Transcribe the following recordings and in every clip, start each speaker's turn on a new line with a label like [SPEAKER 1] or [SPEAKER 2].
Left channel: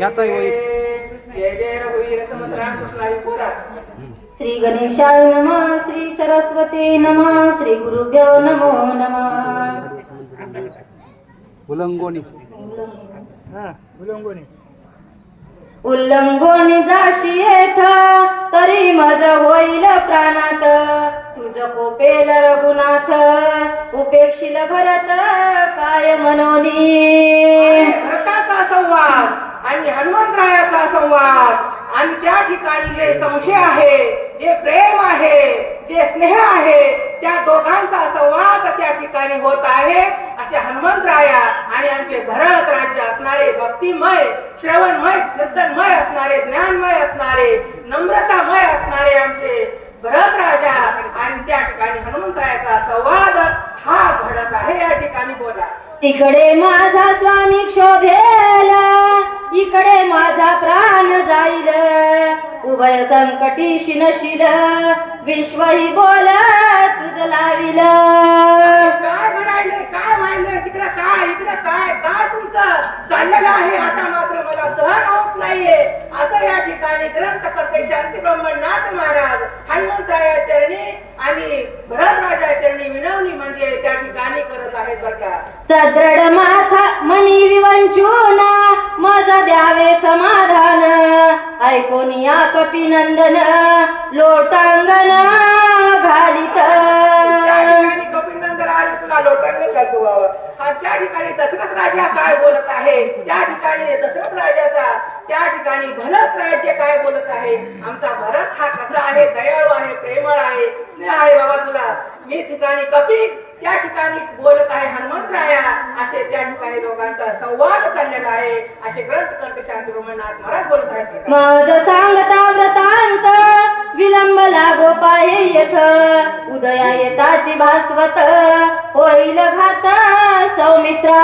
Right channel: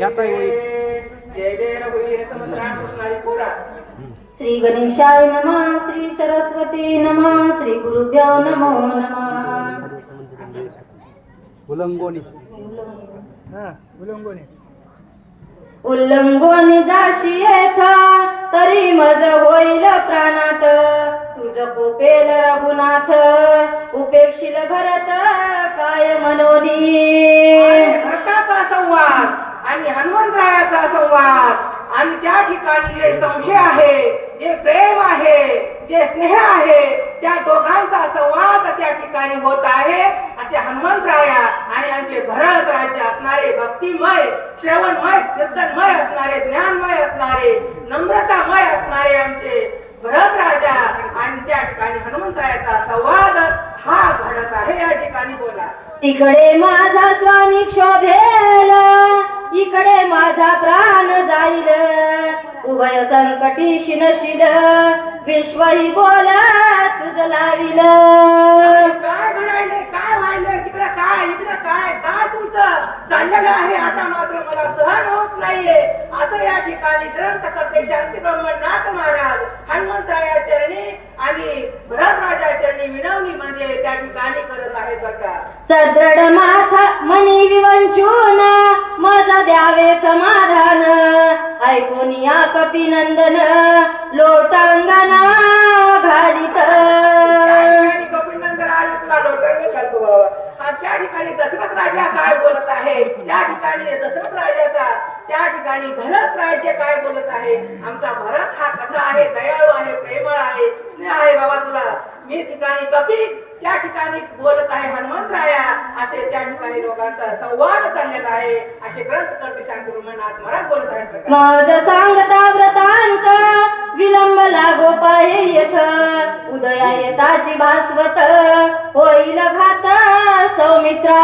[SPEAKER 1] याता
[SPEAKER 2] श्री गणेशाय नमः श्री सरस्वती नमः श्री गुरुभ्यो नमो नमः.
[SPEAKER 1] उलंगोनी.
[SPEAKER 2] उल्लंघन जाशी येथ तरी मज होईल प्राणात. तुझ कोपेल रघुनाथ उपेक्षिल भरत काय मनोनी?
[SPEAKER 3] भरताचा संवाद? आणि हनुमंतरायाचा संवाद. आणि त्या ठिकाणी जे संशय आहे जे प्रेम आहे जे स्नेह आहे त्या दोघांचा संवाद त्या ठिकाणी होत आहे. असे हनुमंतराया आणि आमचे भरत राज्य असणारे भक्तिमय श्रवणमय कीर्तनमय असणारे ज्ञानमय असणारे नम्रतामय असणारे आमचे भरत राजा आणि त्या ठिकाणी हनुमंतरायाचा संवाद हा घडत आहे. या ठिकाणी बोला.
[SPEAKER 2] तिकडे माझा स्वामी क्षोभे. इकडे माझा प्राण जाईल. उभय संकटी शिनशील विश्वही बोल तुझ लाविल.
[SPEAKER 3] काय म्हणायले काय व्हायलंय काय इकडे काय काय तुमचं चाललेलं आहे? आता मात्र मला सहन होत नाहीये. असं या ठिकाणी ग्रंथ करते शांती ब्रह्मनाथ महाराज हनुमंतराया चरणी आणि भरत राजा चरणी विनवणी म्हणजे त्या ठिकाणी करत आहेत बर का.
[SPEAKER 2] सदृढ माथा मनी विवंचून मज द्यावे समाधान. ऐकून या कपिनंदन लोटांगण घालित.
[SPEAKER 3] कपिलनंदन आले तुला लोटांगण घालतो बाबा. त्या ठिकाणी दशरथ राजा काय बोलत आहे? त्या ठिकाणी दशरथ राजाचा त्या ठिकाणी भरत राज्य काय बोलत आहे? आमचा भरत हा कसा आहे? दयाळू आहे प्रेमळ आहे स्नेह आहे बाबा तुला. मी ठिकाणी कपी त्या ठिकाणी बोलत आहे हनुमंतराया असे त्या ठिकाणी लोकांचा संवाद चाललेला आहे. असे ग्रंथ करते शांती ब्रह्मनाथ महाराज बोलत आहेत
[SPEAKER 2] सांगता व्रतांत विलंब लागो पाहे येथ. उदया येताची भास्वत होईल घात सौमित्रा.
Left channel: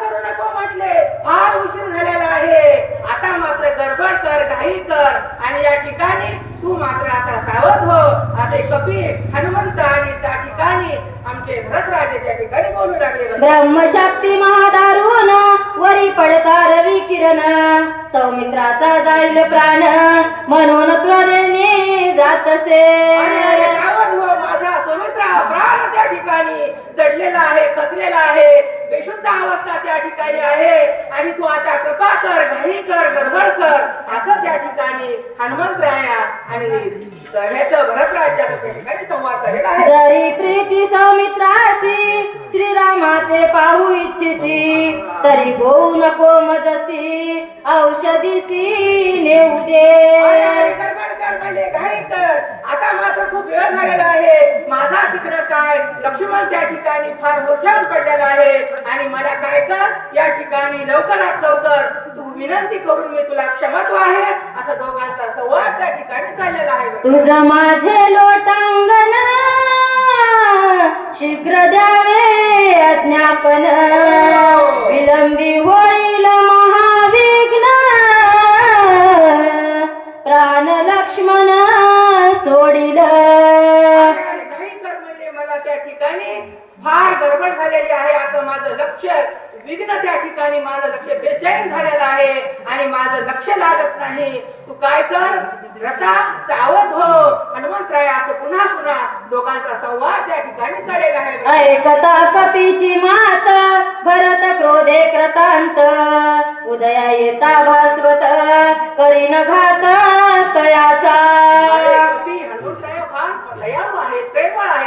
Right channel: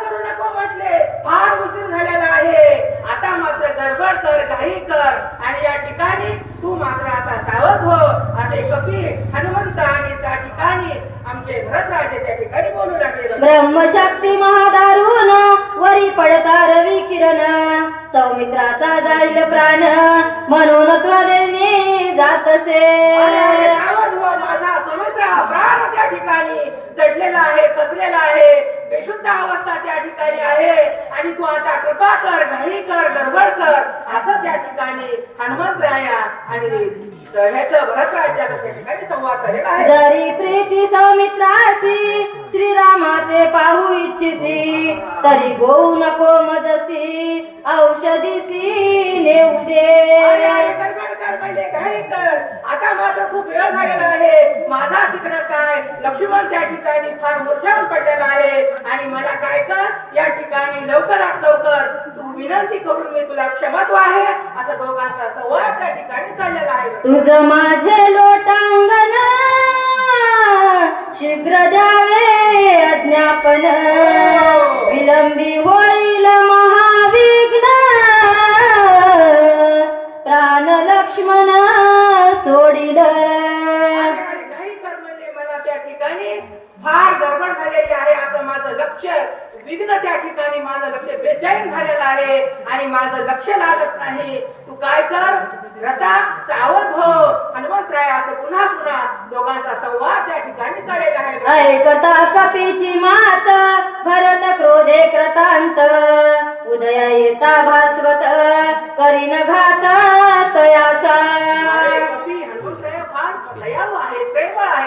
[SPEAKER 3] करू नको म्हटले. फार उशीर झालेला आहे. आता मात्र गडबड कर घाई कर. आणि या ठिकाणी तू मात्र आता सावध हो. असे कपी हनुमंत आणि त्या ठिकाणी आमचे भरतराजे त्या ठिकाणी बोलू लागले बरं.
[SPEAKER 2] ब्रह्मशक्ती महादारून वरी पडता रवी किरण सौमित्राचा जाईल प्राण म्हणून त्वरेने
[SPEAKER 3] अरे, सावध हो माझा सौमित्रा प्राण त्या ठिकाणी दडलेला आहे कसलेला आहे. बेशुद्ध अवस्था त्या ठिकाणी आहे. आणि तू आता कृपा कर घाई कर गडबड कर असं त्या ठिकाणी हनुमंतराया आणि ह्याचं भरतराजाचा त्या ठिकाणी संवाद झालेला आहे.
[SPEAKER 2] जरी प्रीती सौमित्रासी श्रीरामाते पाहू इच्छिसी तरी गोऊ नको मजसी औषधीसी नेऊ दे.
[SPEAKER 3] कर म्हणजे घाई कर. आता मात्र खूप वेळ झालेला आहे. माझा तिकडं काय? लक्ष्मण त्या ठिकाणी फार मूर्छावून पडलेला आहे. आणि मला काय कर? या ठिकाणी लवकरात लवकर तू विनंती करून मी तुला क्षमत्व आहे. असा दोघांचा संवाद त्या ठिकाणी चाललेला आहे.
[SPEAKER 2] तुझ माझे लोटांगण शीघ्र द्यावे अज्ञापन. विलंबी होईल लक्ष्मण सोडिल.
[SPEAKER 3] मला त्या ठिकाणी. फार गडबड झालेली आहे. आता माझं लक्ष विघ्न त्या ठिकाणी. माझं लक्ष बेचैन झालेलं आहे. आणि माझं लक्ष लागत नाही. तू काय कर? रथा सावध हो. हनुमंतराय असं पुन्हा पुन्हा दोघांचा संवाद त्या ठिकाणी चाललेला आहे.
[SPEAKER 2] ऐकता कपीची मात भरत क्रोधे कृतांत. उदया येता भास्वत करीन घात.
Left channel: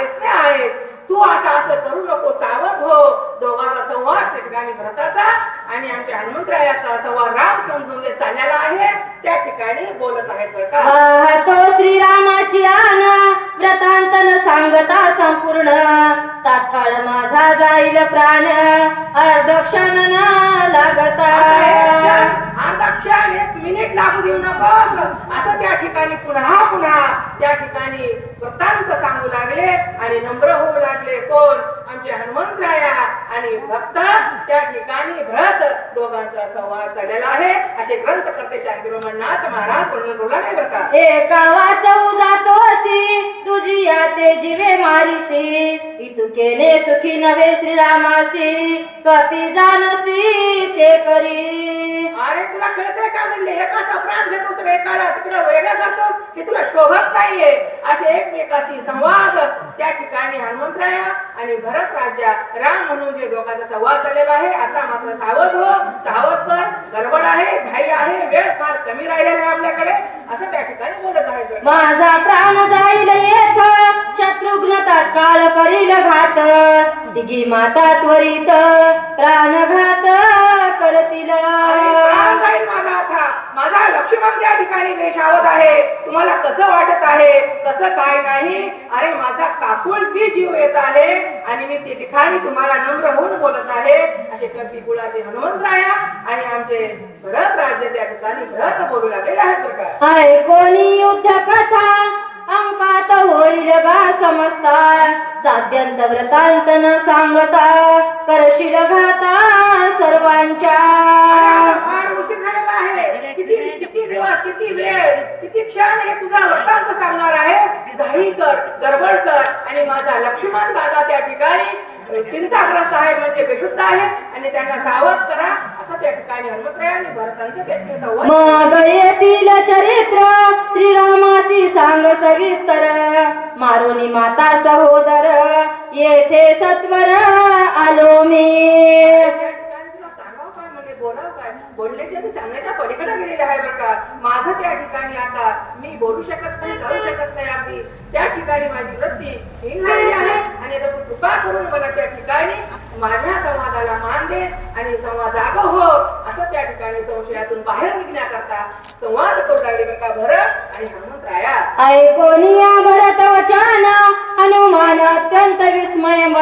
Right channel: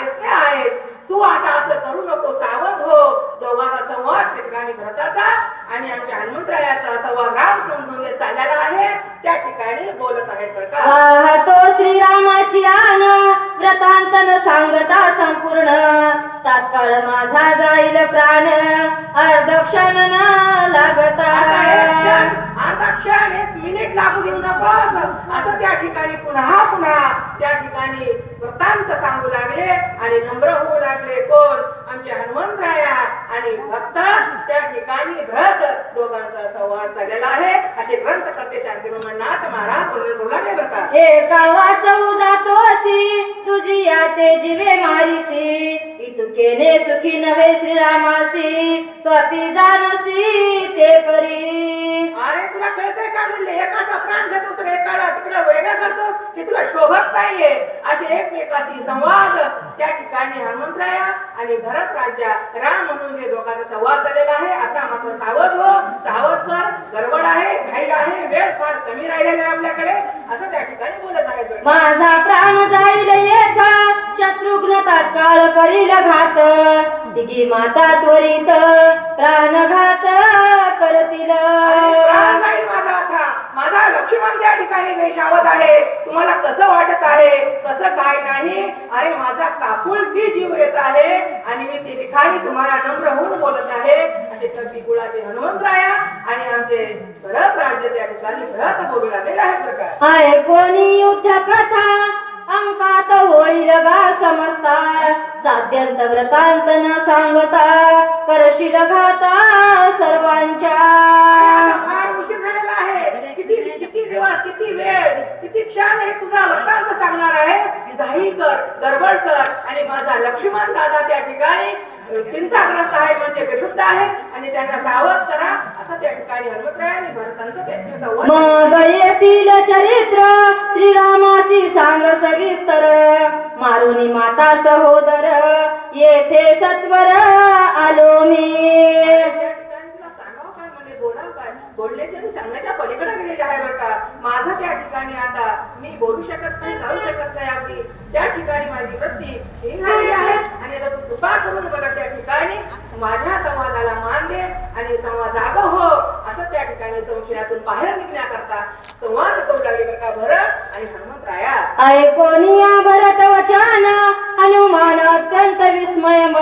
[SPEAKER 3] स्नेह तू आता असं करू नको सावध हो. दोघांचा संवाद त्या ठिकाणी भरताचा आणि आमच्या हनुमंतरायाचा संवाद राम समजून चाललेला आहे. त्या ठिकाणी बोलत आहेत बरं का?
[SPEAKER 2] वाहतो श्रीरामाची आन व्रतांतन सांगता संपूर्ण. तात्काळ माझा जाईल प्राण. अर्धक्षण न लागता
[SPEAKER 3] आता क्षण, एक मिनिट लागू देऊ नकोस असं त्या ठिकाणी पुन्हा पुन्हा त्या ठिकाणी वृत्तांत सांगू लागले आणि नम्र होऊ लागले कोण? आमचे हनुमंतराया आणि भक्त. त्या ठिकाणी भरत दोघांचा संवाद चाललेला आहे. असे ग्रंथ करते शांती नाथ महाराज बोला बोलले बरं का?
[SPEAKER 2] एका वाचऊ जातोसी तुझी आते जीवे मारिसी. इतुके केले सुखी नवे श्रीरामासी. कपी जानसी ते करी.
[SPEAKER 3] अरे तुला कळतंय का म्हणले? एकाचा प्राण घेतोस तर एकाला तिकडे वेगळं करतोस हे तुला शोभत नाहीये? असे एकमेकाशी संवाद. त्या ठिकाणी हनुमंतराया आणि भरत राजा राम म्हणून जे दोघांचा संवाद चाललेला आहे आता मात्र सावध हो. सावध कर गडबड आहे घाई आहे वेळ फार कमी राहिलेला आहे आपल्याकडे. असं त्या ठिकाणी बोलत आहे
[SPEAKER 2] माझा प्राण जाईल येत शत्रुघ्न तात्काळ करील घात. दिगी माता त्वरित प्राणघात. करतील.
[SPEAKER 3] माझा लक्ष्मण त्या ठिकाणी बेशावत आहे. तुम्हाला कसं वाटत आहे? कसं काय नाही? अरे माझा काकुळती जीव येत आहे आणि मी ते ठिकाणी तुम्हाला नम्र होऊन बोलत आहे. असे कपी कुळाचे हनुमंतराया आणि आमचे भरत राज्य त्या ठिकाणी भरत बोलू लागलेले आहेत
[SPEAKER 2] हाय कोणी युद्ध कथा अंकात गा समजता साध्यंत व्रतांत न सांगता करशील घाता सर्वांच्या.
[SPEAKER 3] फार उशीर झालेला आहे. किती किती दिवस किती वेळ किती क्षण हे तुझा वृत्तांत सांगणार आहेस? घाई कर गडबड कर. आणि माझा लक्ष्मण दादा त्या ठिकाणी चिंताग्रस्त आहे म्हणजे बेशुद्ध आहे आणि त्यांना सावध करा असं त्या ठिकाणी हनुमंतराय आणि भरतांचं त्या ठिकाणी संवाद
[SPEAKER 2] मग येथील चरित्र श्रीरामासी सांग सविस्तर. मारुनी माता सहोदर येथे सत्वर आलो मी
[SPEAKER 3] त्या ठिकाणी तुला सांगावं काय म्हणजे बोलावं काय बोलण्याच्या आणि सांगण्याच्या पलीकडे गेलेले आहे बरं का? माझं त्या ठिकाणी आता मी बोलू शकत नाही जाऊ शकत नाही अगदी. त्या ठिकाणी माझी वृत्ती हीन झालेली आहे आणि आता तू कृपा करून मला त्या ठिकाणी माझ्या संवादाला मान दे आणि संवाद जागा हो असं त्या ठिकाणी संशयातून बाहेर निघण्याकरता संवाद करू लागले बरं का? भरत आणि हनुमंतराया.
[SPEAKER 2] ऐकोनिया भरत वचन हनुमान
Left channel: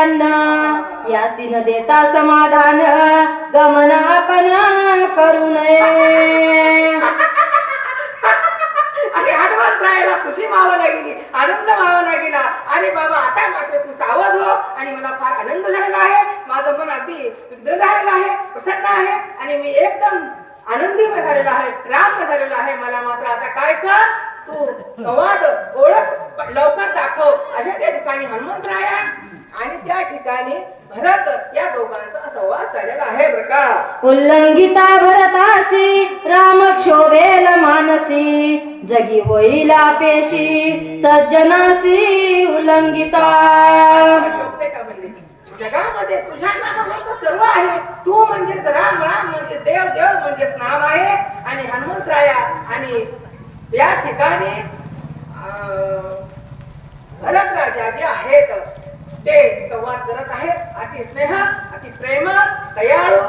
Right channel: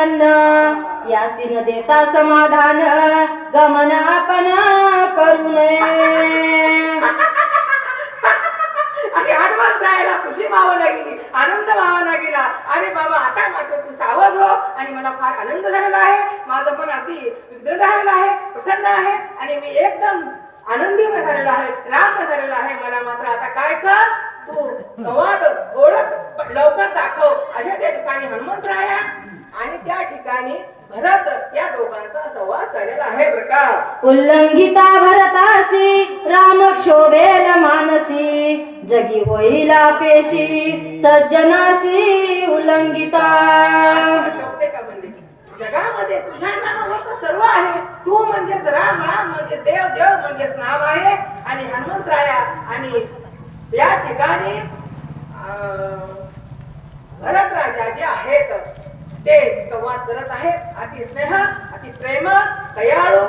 [SPEAKER 2] अन्न. यासी न देता समाधान? गमन आपण करू नये.
[SPEAKER 3] आणि खुशी मावाला गेली आनंद मावाला गेला. अरे बाबा आता मात्र तू सावध हो. आणि मला फार आनंद झालेला आहे. माझं पण अगदी विग्रह झालेलं आहे प्रसन्न आहे. आणि मी एकदम आनंदी झालेला आहे राम झालेला आहे. मला मात्र आता काय कर? तू संवाद ओळख लवकर दाखव. अशा त्या ठिकाणी हनुमंतराया आणि त्या ठिकाणी भरत या दोघांचा संवाद चाललेला आहे बरं का?
[SPEAKER 2] उल्लंघिता भरतासी राम क्षोभेल मानसी. जगी होईला पेशी सज्जनासी उल्लंघिता.
[SPEAKER 3] शोभते का म्हणले? जगामध्ये तुझ्या नावावर सर्व आहे. तू म्हणजेच राम राम म्हणजे देव देव म्हणजेच नाम आहे. आणि हनुमंतराया आणि या ठिकाणी भरत राजा जे आहेत ते संवाद करत आहेत. अति स्नेह अति प्रेम दयाळू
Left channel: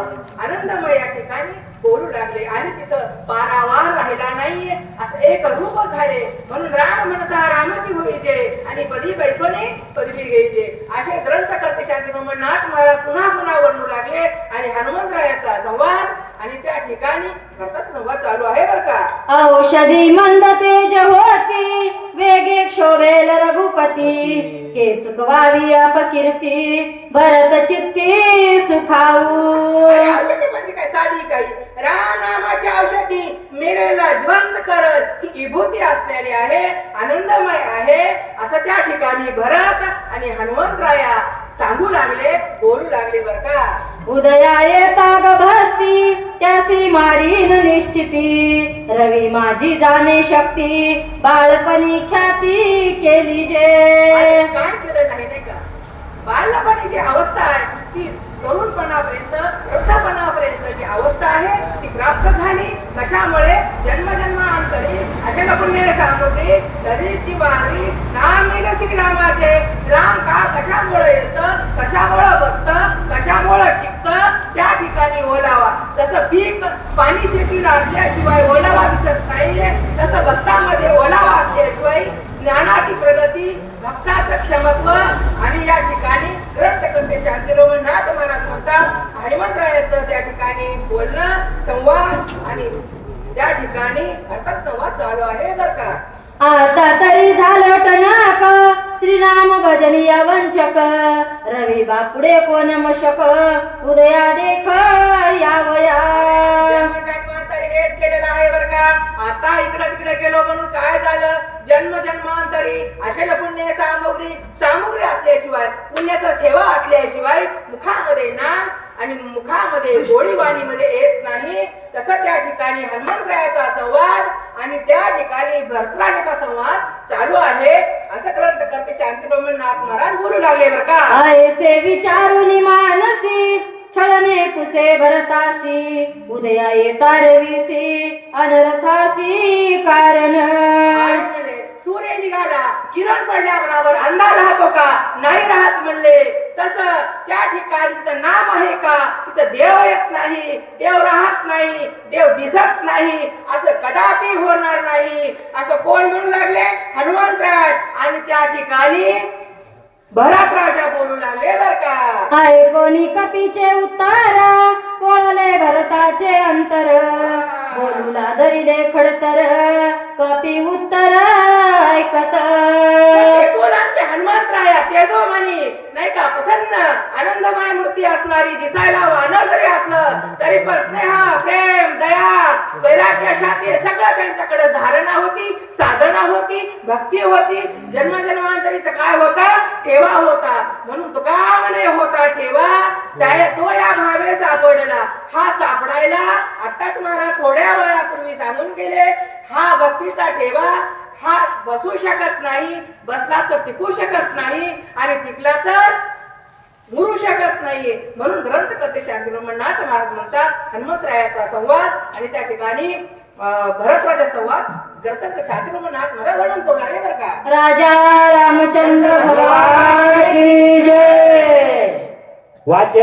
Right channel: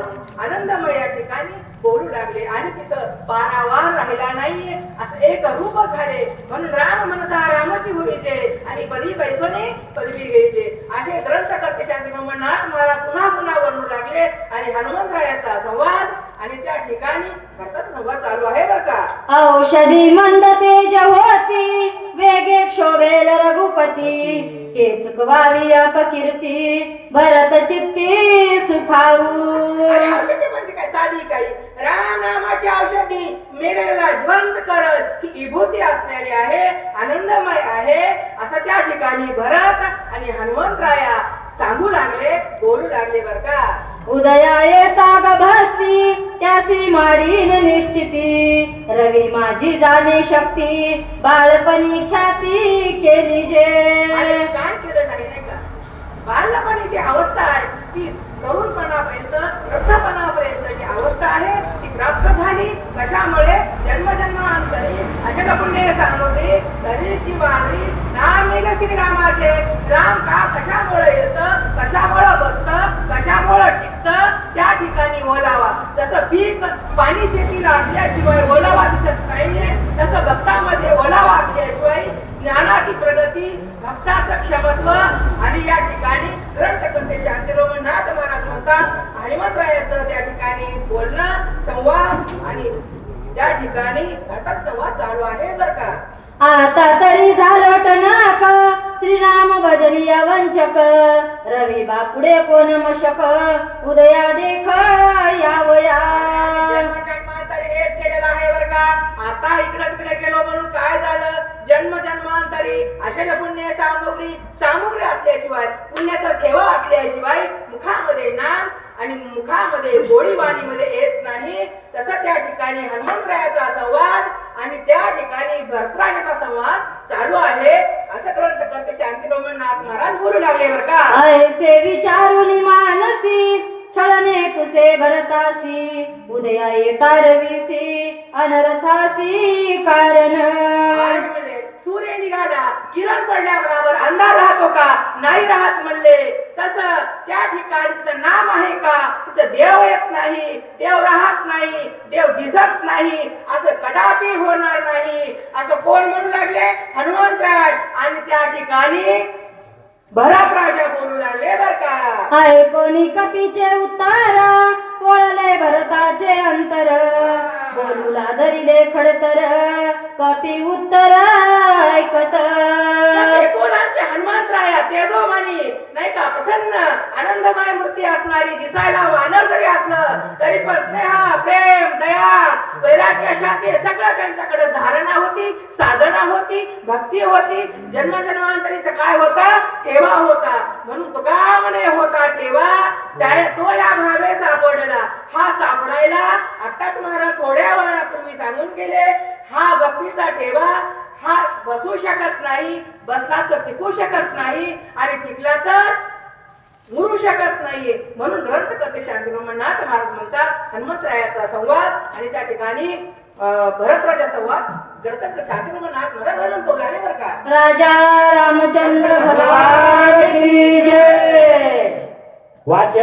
[SPEAKER 3] आनंदमय या ठिकाणी बोलू लागले. आणि तिथं पारावार राहिला नाहीये. असं एक रूप झाले. म्हणून राम म्हणता रामाची भुईजे आणि पदी बैसोने पदवी घ्यायचे. असे ग्रंथ करते शांती नाथ महाराज पुन्हा पुन्हा वर्णू लागले. आणि हनुमंतरायाचा संवाद आणि त्या ठिकाणी संवाद चालू आहे बर का?
[SPEAKER 2] औषधी मंद तेज होती. वेगे क्षोभेल रघुपती. के चुकवावी अपकीर्ती भरत चित्ती
[SPEAKER 3] आणि औषधी म्हणजे काय? साधी काही. राम नामाची औषधी मेलेला जिवंत करत ही विभूती असलेली आहे आनंदमय आहे. असं त्या ठिकाणी भरत आणि हनुमंतराया सांगू लागले बोलू लागले बर का?
[SPEAKER 2] उदया येता गभस्ती करीन निश्चिती. रवी माझी जाणे शक्ती. बाळपणी ख्याती केली जे.
[SPEAKER 3] काय केलं नाही नाही का? बालपणीची अवस्था आहे ती तरुणपणापर्यंत वृद्धपणापर्यंत जी अवस्था आहे ती प्राप्त झाली. कशामुळे? जन्मजन्मांतरी अशा पुण्य सामुद्री तरीची वारी नाम येईल का कशामुळे येतं? कशामुळे बसतं? कशामुळे टिकतं? त्या ठिकाणी ओलावा. जसं पीक पाणी शेतीला असल्याशिवाय ओलावा दिसत नाहीये तसं भक्तामध्ये ओलावा असल्याशिवाय ज्ञानाची प्रगती भक्ताचं क्षमत्व आणि या ठिकाणी ग्रंथकर्ते शांतिरोमनाथ महाराज म्हणतात हनुमंतरायाचं त्या ठिकाणी बोलणं संवाद आणि त्या ठिकाणी भरताचा संवाद चालू आहे बर का?
[SPEAKER 2] आता तरी झालं टनाक श्रीराम भजनिया वंचक। रवी बापुडे कोण मशक? उदया देख यावया।
[SPEAKER 3] हेच आहे का. आता इकडे तिकडे गेलो म्हणून काय झालं? जन्म जन्मांतरी अशल पुण्य सामुग्री सामुग्री असल्याशिवाय पुण्याचा ठेवा असल्याशिवाय मुखामध्ये नाम आणि मुखामध्ये गोळीबाणीमध्ये येत नाही. तसं त्या ठिकाणी हनुमंतरायाचा संवाद आणि त्या ठिकाणी भरतराजाचा संवाद चालू आहे. असं ग्रंथ करते शांती नाथ महाराज बोलू लागले बर का?
[SPEAKER 2] ऐसे विचारुनी मानसी छळने पुसे भरतासी उदया येतारविसी अनरथासी कारण.
[SPEAKER 3] सूर्य निघाला. किरण पडल्याबरोबर अंधार राहतो का? नाही राहत म्हणले. तस त्या ठिकाणी तिथं नाम आहे का? तिथं देव येत नाही. देव राहत नाही. देव दिसत नाही. असं कदापि होणार नाही. असं कोण म्हणू लागले? हनुमंतराज. आणि त्या ठिकाणी भरत राजा बोलू लागले बर का.
[SPEAKER 2] कोणी कपीचे उत्तर पोळले भरताचे अंतर गरुला धरिले खडतर कपी उत्तर ऐकत.
[SPEAKER 3] एकूण आमचे हनुमंतराया तेजोमणी नाही का प्रसन्न आनंदमय मूर्ती असणारी दिसायला वानर जरी असलं तरी पण स्नेहा प्रेम दया सगळं त्यांच्याकडे धारणा होती साधना होती भक्ती होती. जन्मजन्मांतरीच काय होता? ठेवा होता. म्हणून तो का म्हणे होता ठेवा. त्या तो या भावे सापडला. हा सापडायला आताच मला थोड्या वेळापूर्वी सांगून गेले हा भक्तीचा ठेवा. हा बसू शकत नाही बसला तर टिकू शकत नाही. आणि टिकला तर मुरू शकत नाहीये. म्हणून ग्रंथ करते शांतीब्रह्मनाथ महाराज म्हणतात हनुमंतरायाचा संवाद. आणि त्या ठिकाणी भरतराजा संवाद. ग्रंथ शांतीब्रह्मनाथ महाराज वर्णन करू लागले बरं का?
[SPEAKER 2] राजा रामचंद्र भगवान की जय.
[SPEAKER 1] वाच